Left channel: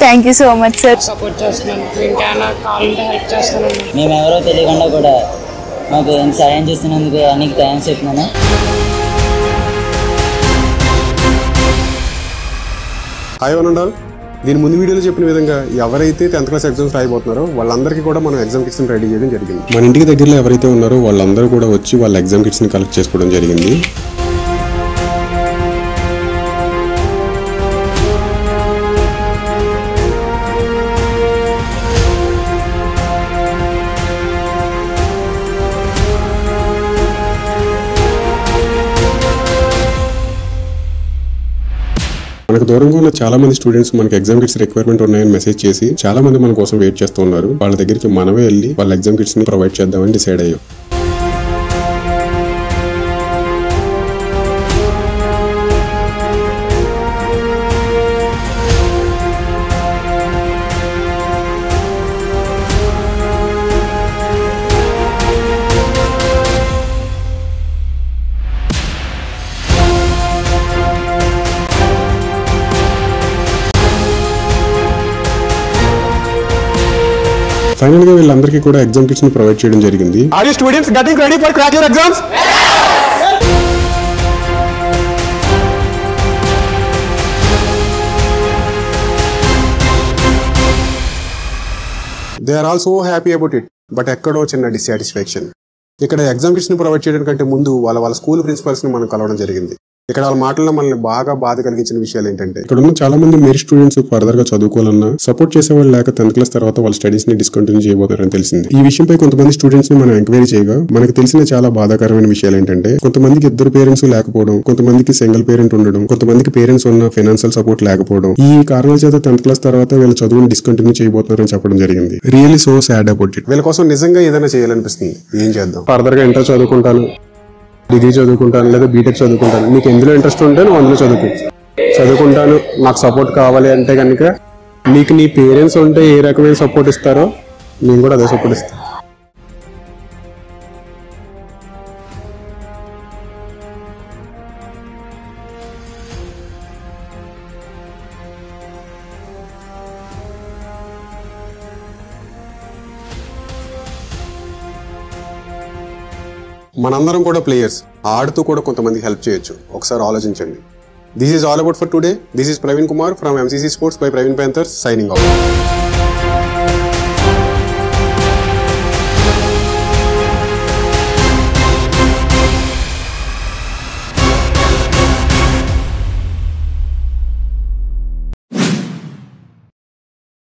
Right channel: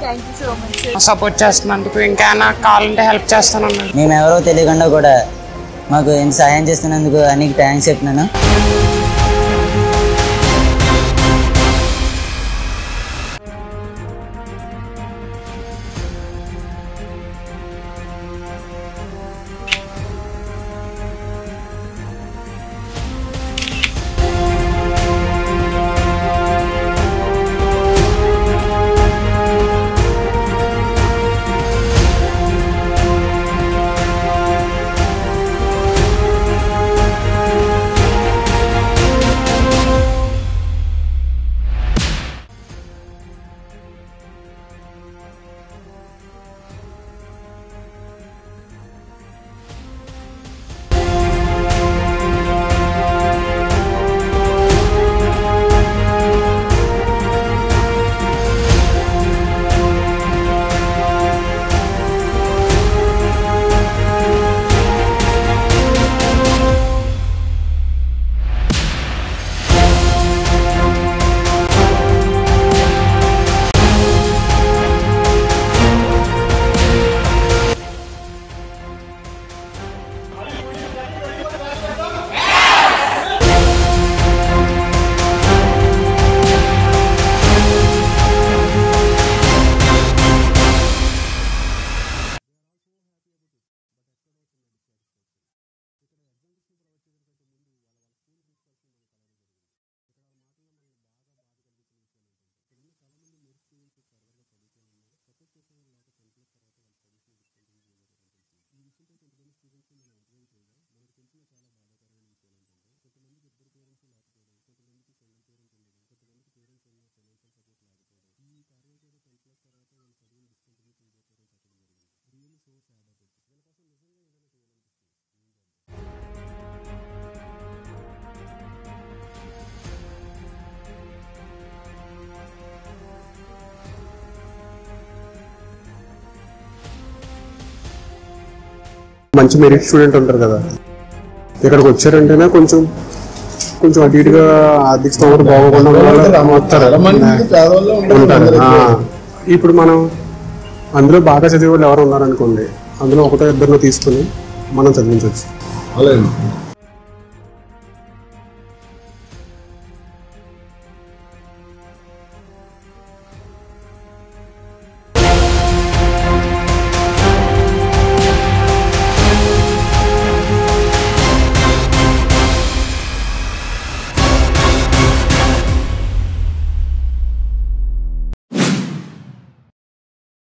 Thank you so much sir. Support చేస్తున్నందుకు ఇంకా నాకు కావాలంటే హెల్ప్ చేస్తాను. మేము ఎవరో తెలియకుండా కూడా మాకు సాయం చేస్తున్నందుకు నీకు థ్యాంక్స్ చెప్తున్నాను. Hi one. దీని ముందు వీడియోలో చెప్పిన విధంగా ఎవరైతే 10th క్లాస్ ఎగ్జామ్స్ రాయబోతున్నారో వాళ్ళందరికీ కూడా మనం ఎగ్జామ్ కిట్స్ని రెడీ చేయడం జరిగింది. మన ఇంటికి దగ్గరలో ఎవరైతే ఉన్నారో వాళ్ళందరూ కూడా వచ్చి వాళ్ళ ఎగ్జామ్ కిట్స్ని కలెక్ట్ చేసుకోవడం జరిగింది. మనకు దూరంగా ఉన్న చాలా మంది స్టూడెంట్స్ మనకి ఎగ్జామ్ కిట్స్ రిక్వైర్మెంట్ ఉన్నాయని మెసేజ్ చేసి చాలా మంది మన కోసం వెయిట్ చేస్తూ ఉన్నారు. వాళ్ళ దగ్గరికి మనమే వెళ్ళి వాళ్ళ ఎగ్జామ్ కిట్స్ ని ప్రొవైడ్ చేద్దామని డిసైడ్ అయ్యాం. ఫైనల్ గా వీళ్ళందరికీ కూడా ఎగ్జామ్ కిట్స్ ని ప్రొవైడ్ చేయడం జరిగింది. Are you students getting ready for crack your exams? They are also happy about it. But ఎక్కడో చిన్న డిస్సాటిస్ఫాక్షన్. ఇక్కడ ఎగ్జామ్ కిట్స్ ని ప్రొవైడ్ చేయడం కంటే ముందు వాళ్ళ స్కూల్ ప్రిన్సిపల్స్ ని మనం కలవడం జరిగింది. ఇక్కడ వాళ్ళ మాటల్లో మనల్ని బాగా బాధ కలిగించిన విషయాలు ఏంటంటే ఇక్కడ ఉన్న చాలా మంది మెరిట్ స్టూడెంట్స్ ఫర్దర్ గా చదువుకోవాలన్నా సపోర్ట్ చేసేవాళ్ళు లేక 10th క్లాస్ తర్వాత వాళ్ళ స్టడీస్ ని డిస్కంటిన్యూ చేయబోతారని తెలిసింది. ఈ విషయంపై కొంతమంది స్టూడెంట్స్ ని మనం ఎంక్వైరీ చేయగా మనకు తెలిసిన చాలా బాధాకరమైన విషయాలు ఏంటంటే కొంతమందికి ఇద్దరు పేరెంట్స్ లేకపోవడం, కొంతమందికి సింగిల్ పేరెంట్ ఉండడం, కొంతమందికి పేరెంట్స్ ఉన్న ఫైనాన్షియల్ సపోర్ట్ లేకపోవడం. ఈ కారణాల చేత 10th క్లాస్ తర్వాత వీళ్ళ చదువుని డిస్కంటిన్యూ చేయబోతున్నారని చెప్పడం జరిగింది. Really so sad about it. వీళ్ళ కోసం నిజంగా ఏదైనా చేయాలనిపిస్తుంది. ఏం చేద్దాం? ఫర్దర్ గా ఇంటర్ చదువుకుంటాను, డిగ్రీ చదువుకుంటాను, లేదా బీటెక్ చదువుకుంటాను. నీకు ఎందులో ఇంట్రెస్ట్ ఉంటే నువ్వు అందులో చదువుకుంటాను. నాకు సపోర్ట్ కావాలి అంటే కనుక నీకు నీ పేరెంట్స్ ఉంటే ఏ రకమైన సపోర్ట్ ఇస్తారో నేను కూడా అదే సపోర్ట్ ఇస్తాను. మంచి మెరిట్ స్టూడెంట్ ఉంటారు కదా, ఇక్కడికి వచ్చారంటేనే కొంచెం అటు ఇటుగా ఆర్థిక స్థోమత బాగోకుండా ఉంటారు. ఇప్పుడు మనం అందులో బాగా చదివే వాళ్ళు ఎవరు ఉన్నారనుకోండి, అందులో ఒకటో ఇద్దరిలో తీసుకుని మనం చదివించవచ్చు. మనందరం కూడా ప్లేయర్స్, ఆడుతూ కూడా కొంతమందికి హెల్ప్ చేయొచ్చు. ఒకసారి ఆలోచించండి. This is all about for today. This is Praveen Kumar from MCC Sports by Praveen Panthers signing off.